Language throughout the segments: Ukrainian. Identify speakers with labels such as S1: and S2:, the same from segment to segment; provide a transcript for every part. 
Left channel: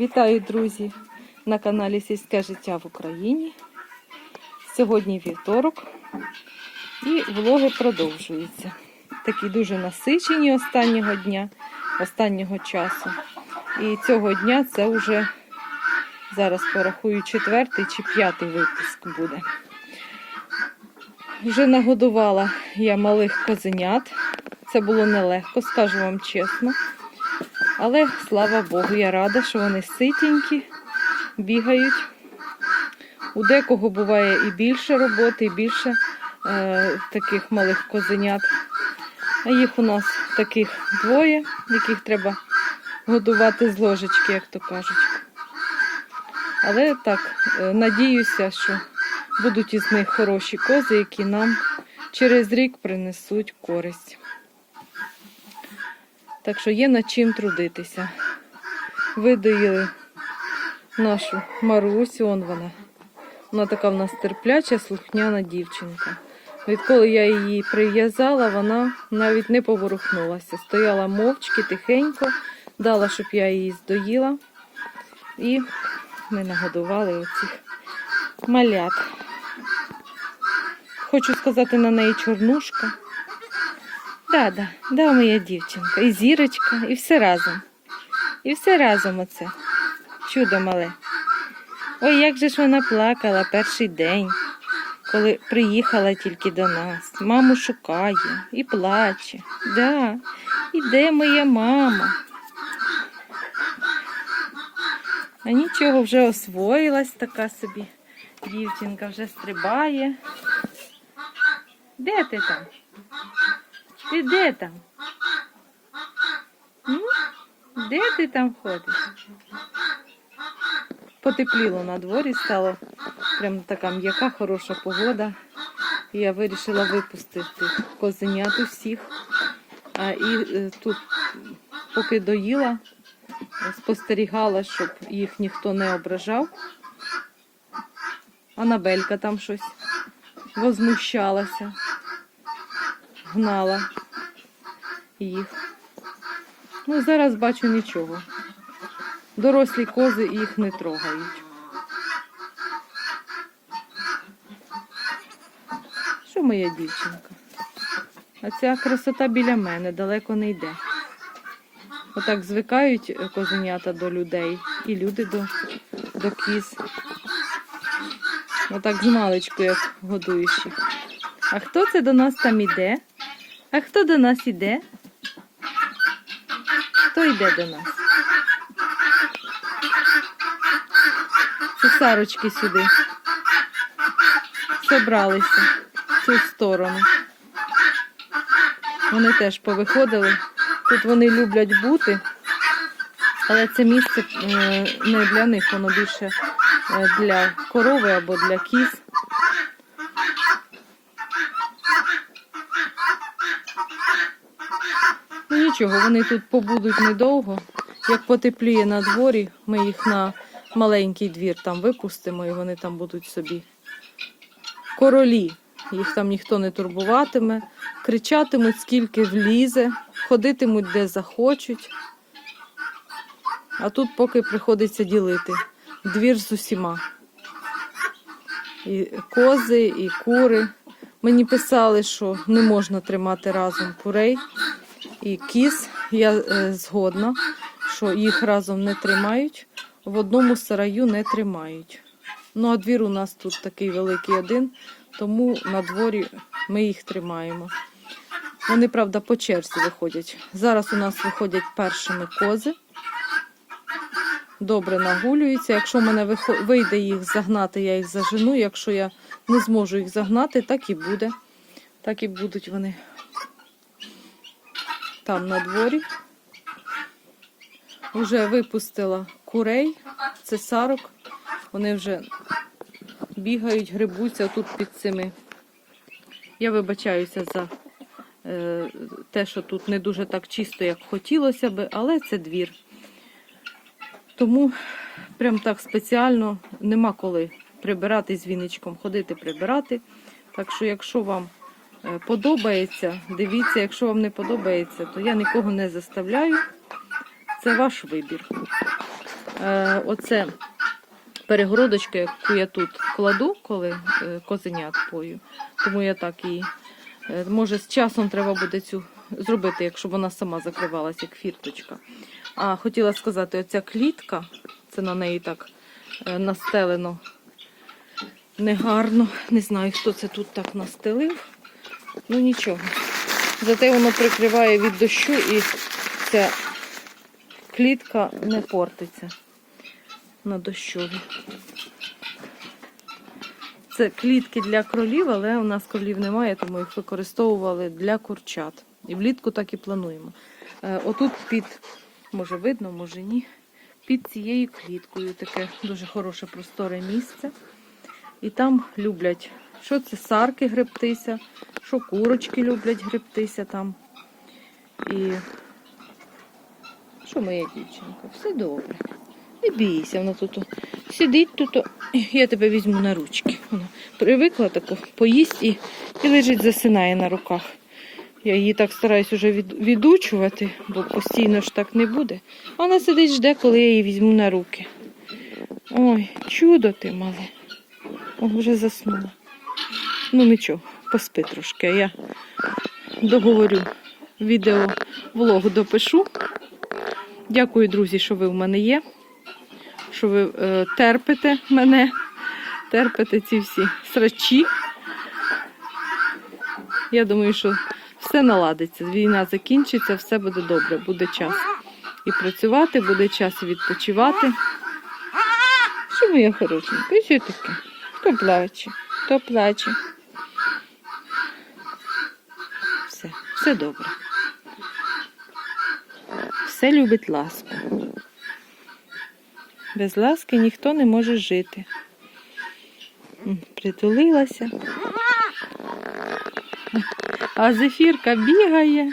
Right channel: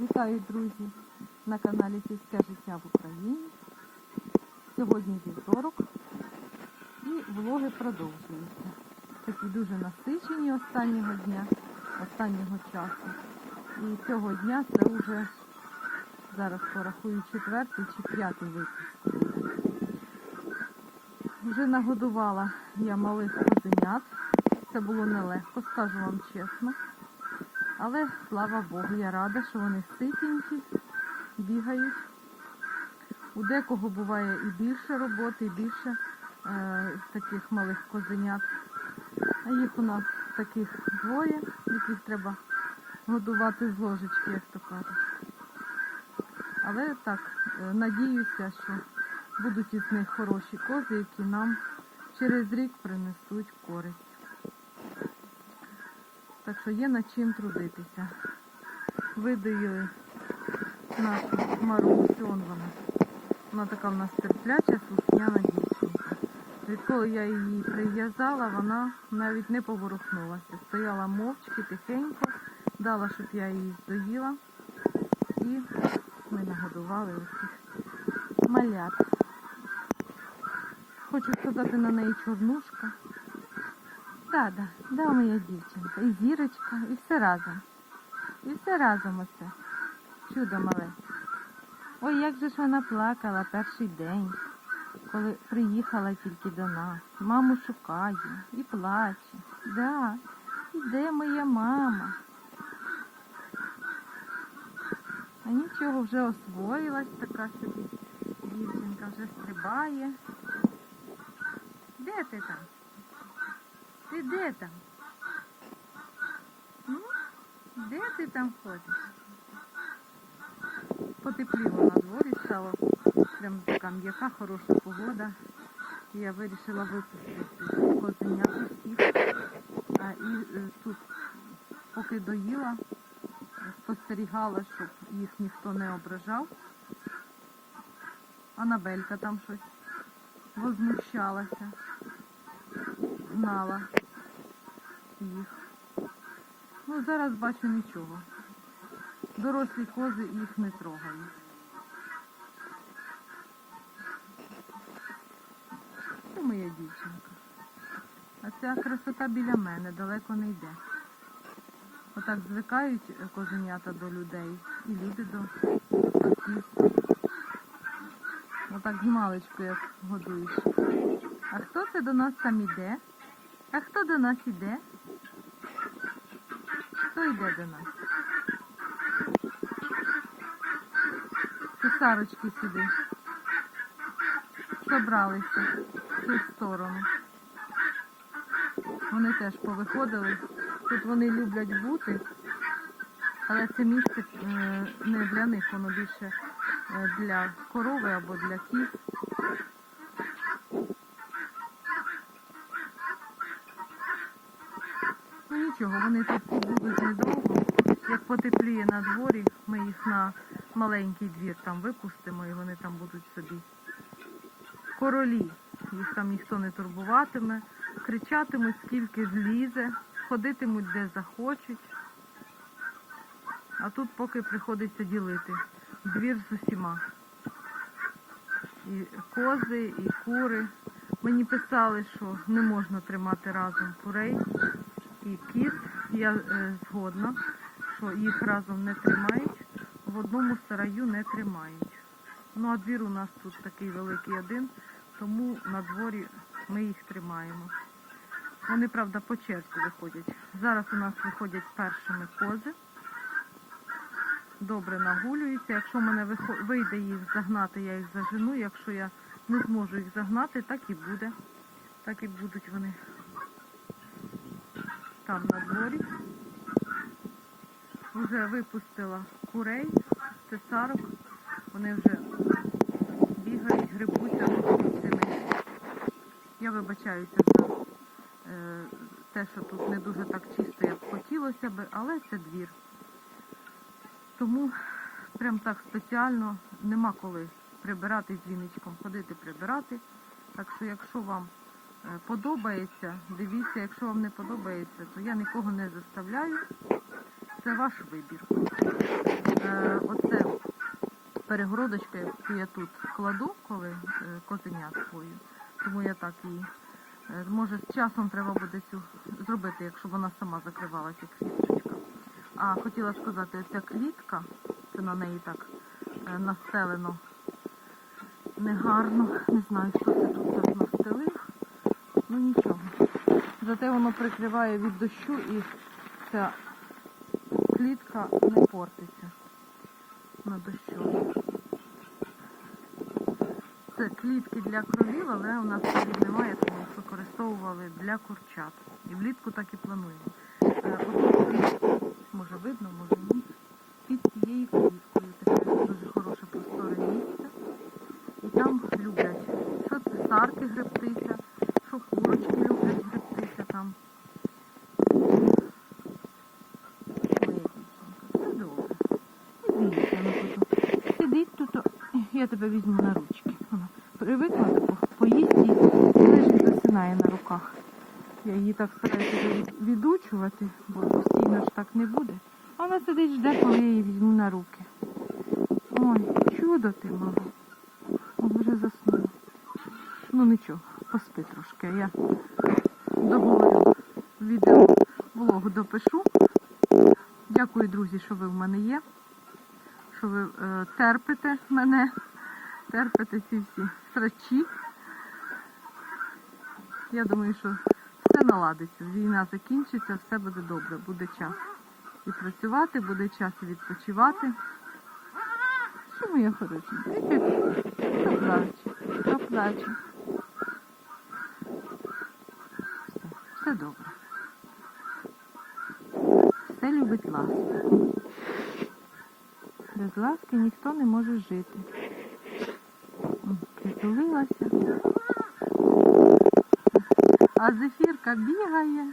S1: Вітаю, друзі, на каналі Сільське життя в Україні. Сьогодні вівторок і влоги продовжуються. Такі дуже насичені останнього дня, останнього часу. І цього дня це вже зараз порахую четвертий чи п'ятий випуск буде. Вже нагодувала я малих козенят. Це було нелегко, скажу вам чесно. Але слава Богу, я рада, що вони ситенькі, бігають. У декого буває і більше роботи, і більше е, таких малих козенят. А їх у нас таких двоє, яких треба годувати з ложечки, як то кажуть. Але так, е, надіюся, що будуть із них хороші кози, які нам через рік принесуть користь. Так що є над чим трудитися. Видоїли нашу Марусю, он вона. Вона така в нас терпляча, слухняна дівчинка. Відколи я її прив'язала, вона навіть не поворухнулася. Стояла мовчки, тихенько, дала, щоб я її здоїла. І ми нагодували оцих малят. Хочу сказати на неї чорнушка. Да, да, да, моя дівчинка. І зірочка, і все разом. І все разом оце. Чудо мале. Ой, як же ж вона плакала перший день, коли приїхала тільки до нас. Маму шукає і плаче. Да, і де моя мама? А нічого, вже освоїлась така собі. Дівчинка вже стрибає. Де ти там? Ти де там? М? Де ти там ходиш? Потепліло на дворі, стало прям така м'яка, хороша погода. Я вирішила випустити козенят усіх. А, і е, тут, поки доїла, спостерігала, щоб їх ніхто не ображав. Анабелька там щось возмущалася, гнала їх. Ну, зараз бачу нічого. Дорослі кози їх не трогають. Що моя дівчинка? А ця красота біля мене далеко не йде. Отак звикають козенята до людей і люди до, до кіз. Отак з маличку, як годуєш. А хто це до нас там іде? А хто до нас іде? Хто йде до нас? Це сарочки сюди. Собралися в цю сторону. Вони теж повиходили. Тут вони люблять бути, але це місце е, не для них, воно більше е, для корови або для кіз. Ну нічого, вони тут побудуть недовго. Як потепліє на дворі, ми їх на маленький двір там випустимо і вони там будуть собі. Королі. Їх там ніхто не турбуватиме, кричатимуть, скільки влізе, ходитимуть де захочуть. А тут поки приходиться ділити двір з усіма. І кози, і кури. Мені писали, що не можна тримати разом курей і кіз. Я е, згодна, що їх разом не тримають, в одному сараю не тримають. Ну, а двір у нас тут такий великий один, тому на дворі ми їх тримаємо. Вони, правда, по черзі виходять. Зараз у нас виходять першими кози. Добре нагулюються. Якщо в мене вийде їх загнати, я їх зажену. Якщо я не зможу їх загнати, так і буде. Так і будуть вони там на дворі. Вже випустила курей, це сарок. Вони вже бігають, грибуться тут під цими. Я вибачаюся за е, те, що тут не дуже так чисто, як хотілося би, але це двір. Тому прям так спеціально нема коли прибирати з віничком, ходити прибирати. Так що, якщо вам подобається, дивіться, якщо вам не подобається, то я нікого не заставляю. Це ваш вибір. Е, оце перегородочка, яку я тут кладу, коли е, козенят пою. Тому я так її. е, Може, з часом треба буде цю зробити, якщо вона сама закривалася, як фірточка. А хотіла сказати, оця клітка, це на неї так е, настелено негарно. Не знаю, хто це тут так настелив. Ну нічого. Зате воно прикриває від дощу і ця клітка не портиться на дощові. Це клітки для кролів, але у нас кролів немає, тому їх використовували для курчат. І влітку так і плануємо. Е, Отут під, може видно, може ні. Під цією кліткою таке дуже хороше просторе місце. І там люблять, що це сарки гребтися, що курочки люблять гребтися там. І що моя дівчинка? Все добре. Не бійся, вона тут сидить тут. Я тебе візьму на ручки. Вона привикла таку, поїсть і, і лежить, засинає на руках. Я її так стараюсь від, відучувати, бо постійно ж так не буде. Вона сидить, жде, коли я її візьму на руки. Ой, чудо ти мале. Вже заснула. Ну нічого, поспи трошки. Я договорю відео влог допишу. Дякую, друзі, що ви в мене є. Що ви е, терпите мене, терпите ці всі срачі. Я думаю, що все наладиться. Війна закінчиться, все буде добре, буде час і працювати, буде час і відпочивати. Що моя хорошенька? І що таке? Хто плаче? Хто плаче? Все, все добре. Все любить ласку. Без ласки ніхто не може жити. Притулилася. А зефірка бігає.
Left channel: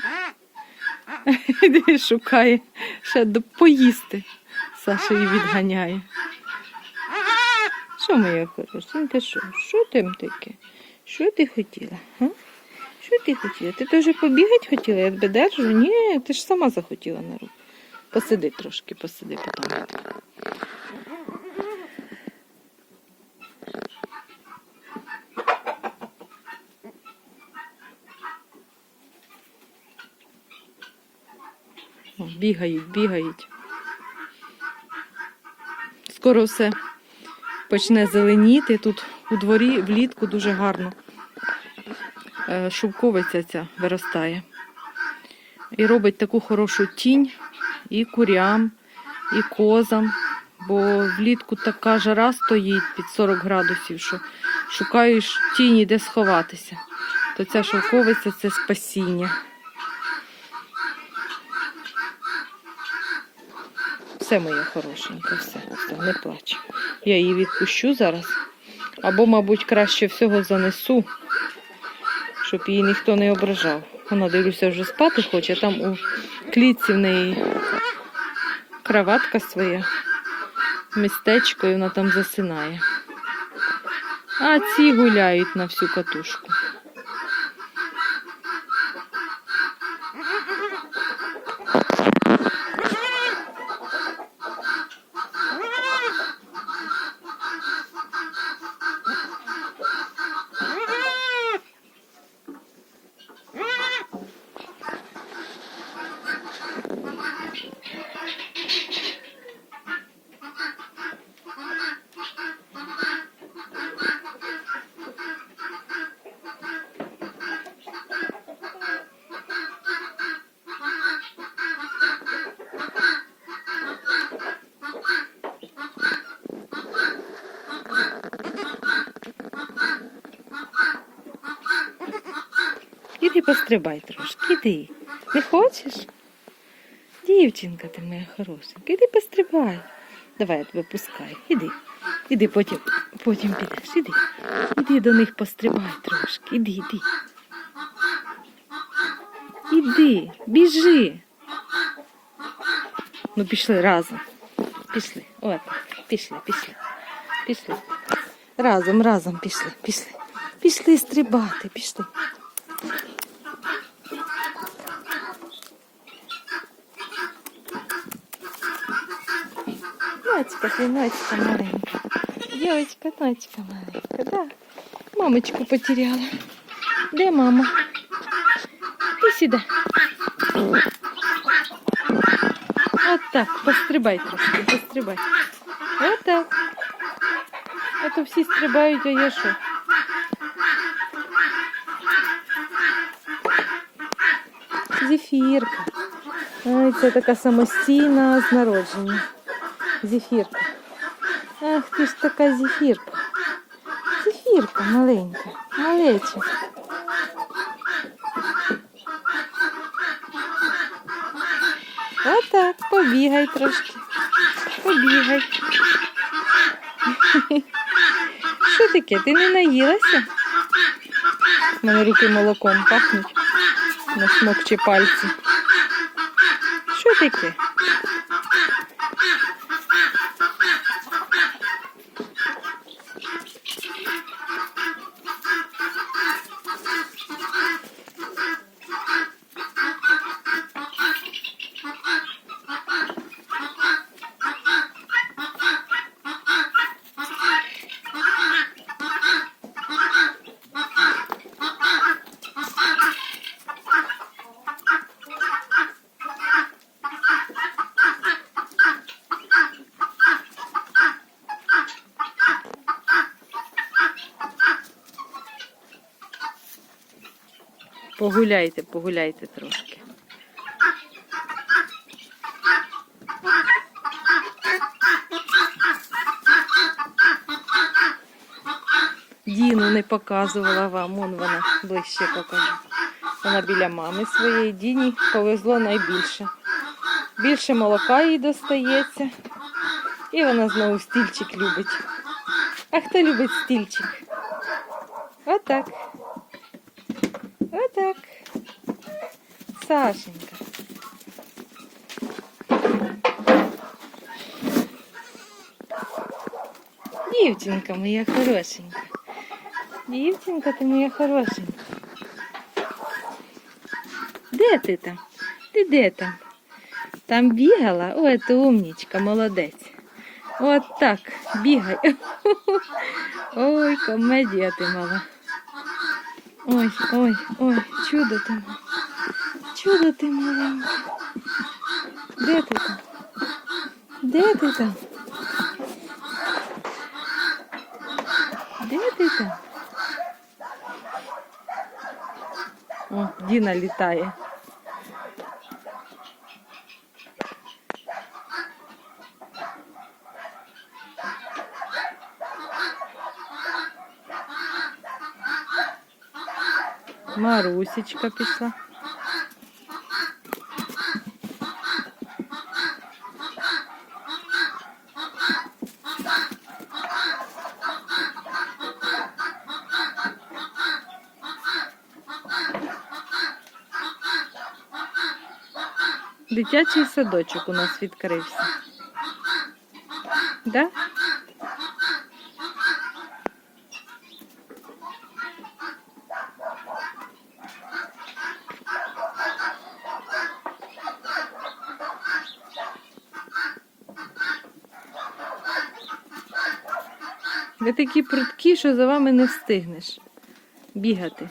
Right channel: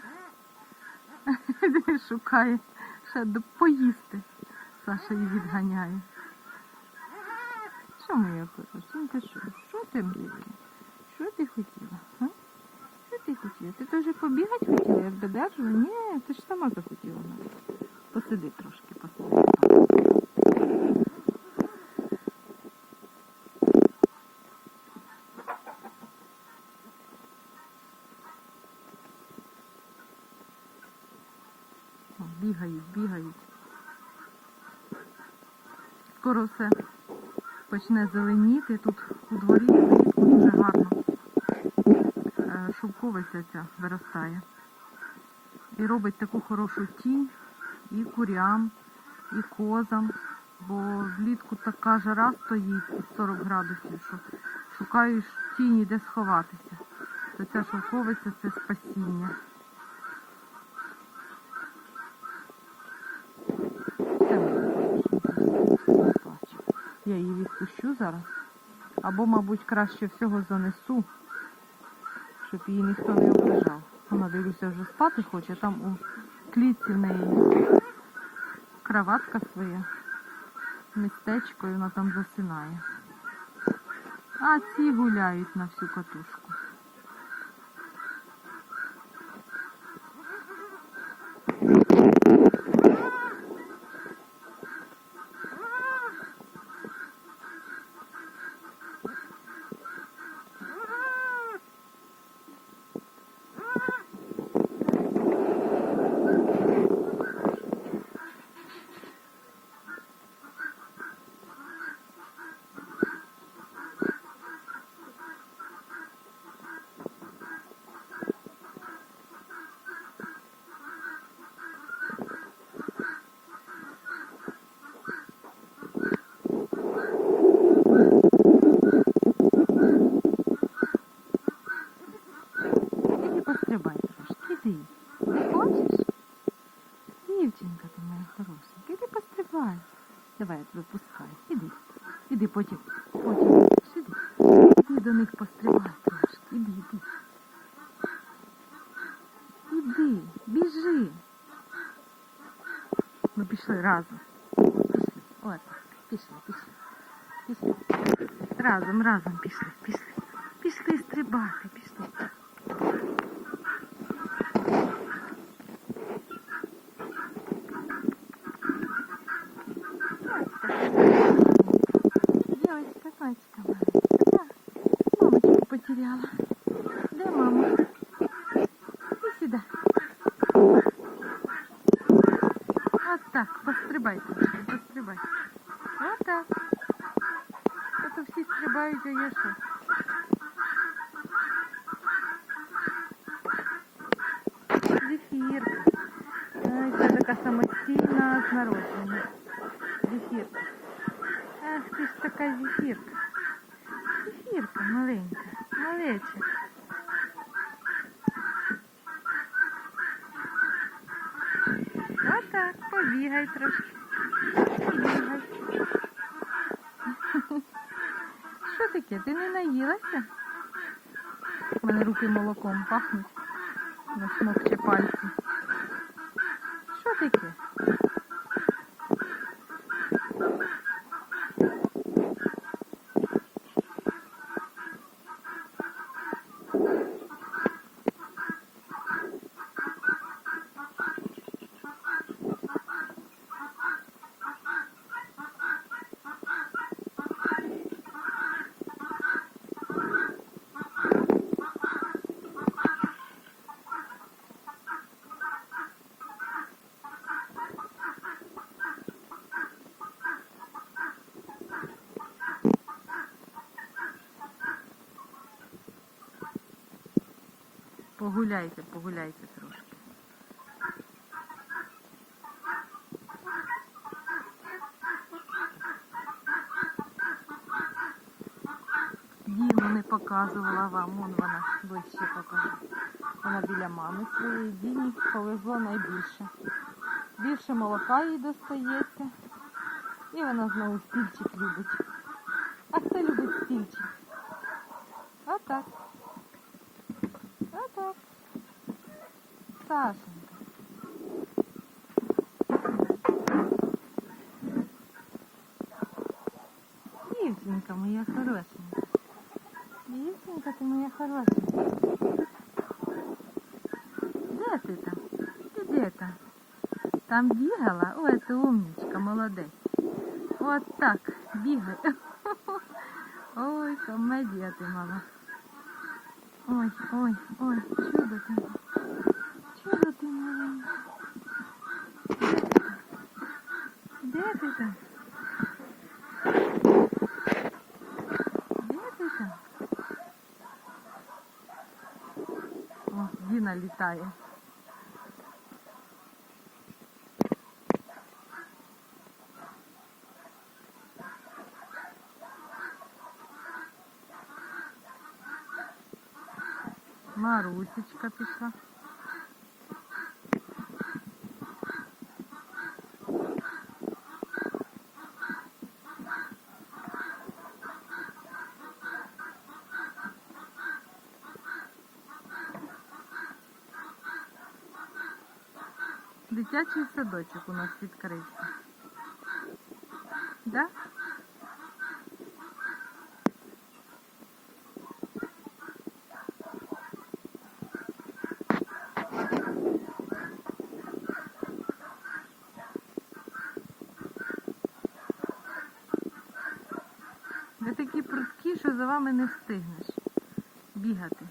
S1: Шукає ще поїсти. Саша її відганяє. Що моя хорошенька, що? Що там таке? Що ти хотіла? А? Що ти хотіла? Ти теж побігати хотіла? Я тебе держу? Ні, ти ж сама захотіла на руку. Посиди трошки, посиди. Бігають, бігають. Скоро все почне зеленіти. Тут у дворі влітку дуже гарно. Е, Шовковиця ця виростає. І робить таку хорошу тінь і курям, і козам. Бо влітку така жара стоїть під 40 градусів, що шукаєш тіні, де сховатися. То ця шовковиця це спасіння. Все моє хорошеньке, все, не плач. Я її відпущу зараз. Або, мабуть, краще всього занесу, щоб її ніхто не ображав. Вона, дивлюся, вже спати хоче. Там у клітці в неї кроватка своя, містечко, і вона там засинає. А ці гуляють на всю катушку. Іди пострибай трошки, іди. Не хочеш? Дівчинка ти моя хорошенька, іди пострибай. Давай я тебе пускаю. Іди. Іди потім, потім підеш, іди. Іди до них пострибай трошки. Іди, іди. Іди, біжи. Ну пішли разом. Пішли. От, пішли, пішли. Пішли. Разом, разом пішли, пішли. Пішли стрибати, пішли. Ночка, ти ночка маленька. Дівочка, ночка маленька, да. Мамочку потеряла. Де мама? Ти сюди. От так, пострибай трошки, пострибай. От так. А то всі стрибають, а я що? Зефірка. Ой, це така самостійна з народження. Зефірка. Ах, ти ж така зефірка. Зефірка маленька, малеча. Отак, побігай трошки. Побігай. Що таке? Ти не наїлася? У мене руки молоком пахнуть. Насмокче пальці. Що таке? Погуляйте, погуляйте трошки. Діну не показувала вам, вон вона ближче покажу. Вона біля мами своєї Діні повезло найбільше. Більше молока їй достається. І вона знову стільчик любить. А хто любить стільчик? Отак. Сашенька. Дівчинка моя хорошенька. Дівчинка ти моя хорошенька. Де ти там? Ти де там? Там бігала? Ой, ти умнічка, молодець. От так, бігай. Ой, комедія ти мала. Ой, ой, ой, чудо ти мала. Чудо ти маленьке. Де ти там? Де ти там? Де ти там? О, Діна літає. Марусечка пішла. Дитячий садочок у нас відкрився. Да? Ви такі прудкі, що за вами не встигнеш бігати.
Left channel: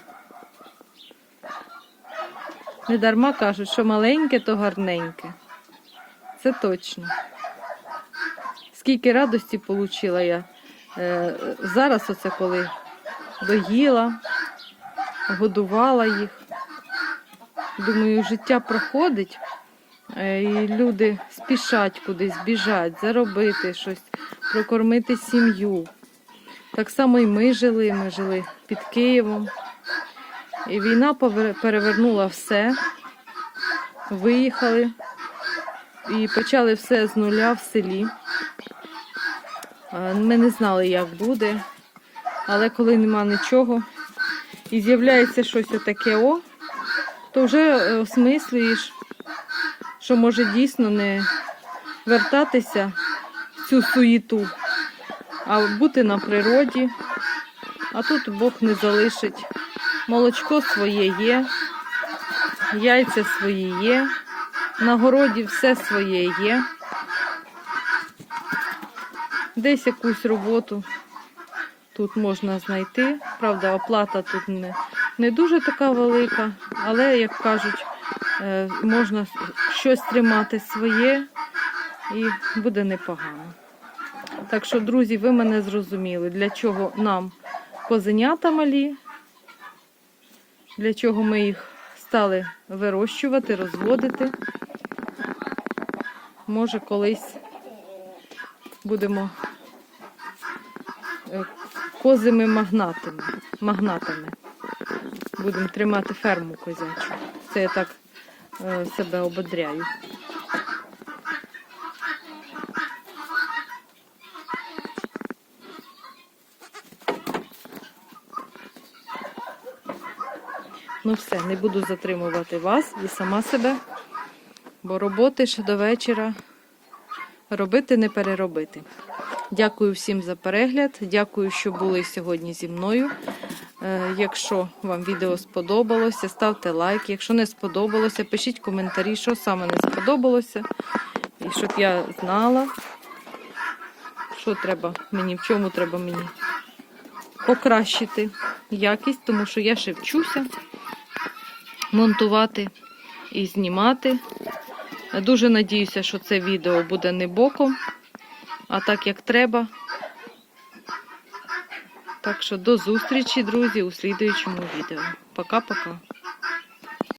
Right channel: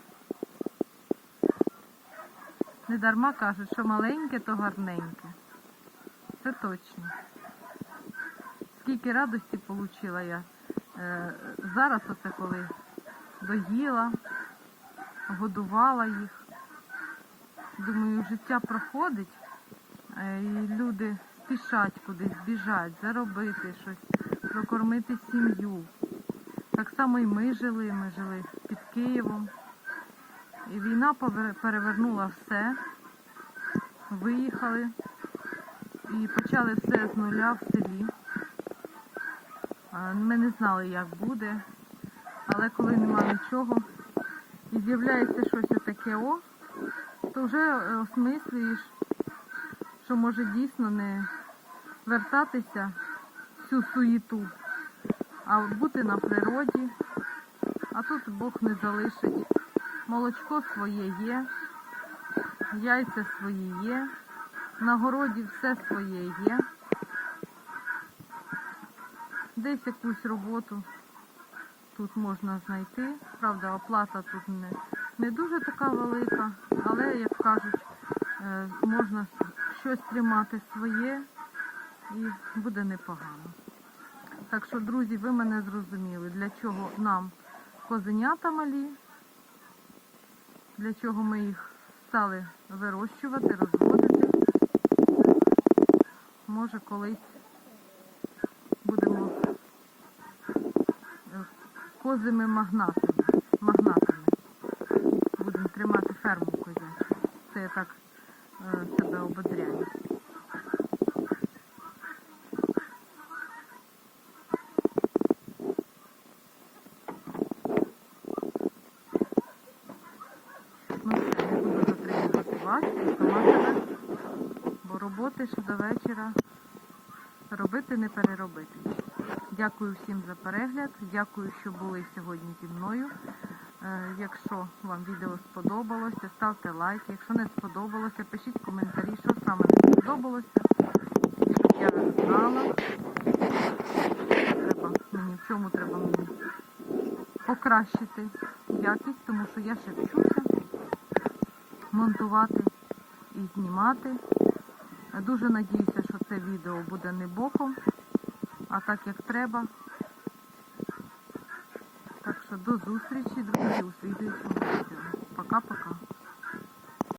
S1: Не дарма кажуть, що маленьке, то гарненьке. Це точно. Скільки радості отримала я е, зараз, оце коли доїла, годувала їх. Думаю, життя проходить, е, і люди спішать кудись, біжать, заробити щось, прокормити сім'ю. Так само і ми жили, ми жили під Києвом. І війна перевернула все. Виїхали і почали все з нуля в селі. Ми не знали, як буде, але коли нема нічого і з'являється щось отаке о, то вже е, осмислюєш, що може дійсно не вертатися в цю суєту, а бути на природі. А тут Бог не залишить. Молочко своє є, яйця свої є, на городі все своє є. десь якусь роботу тут можна знайти. Правда, оплата тут не, не дуже така велика, але, як кажуть, е, можна щось тримати своє і буде непогано. Так що, друзі, ви мене зрозуміли, для чого нам козенята малі, для чого ми їх стали вирощувати, розводити. Може, колись будемо е, козими магнатами. магнатами. Будемо тримати ферму козячу. Це я так е, себе ободряю. Ну все, не буду затримувати вас і сама себе, бо роботи ще до вечора робити не переробити. Дякую всім за перегляд. Дякую, що були сьогодні зі мною. Е, Якщо вам відео сподобалося, ставте лайк. Якщо не сподобалося, пишіть коментарі, що саме не сподобалося. І щоб я знала, що треба мені, в чому треба мені покращити якість, тому що я ще вчуся монтувати і знімати. Дуже надіюся, що це відео буде не боком, а так як треба. Так що до зустрічі, друзі, у слідуючому відео. Пока-пока.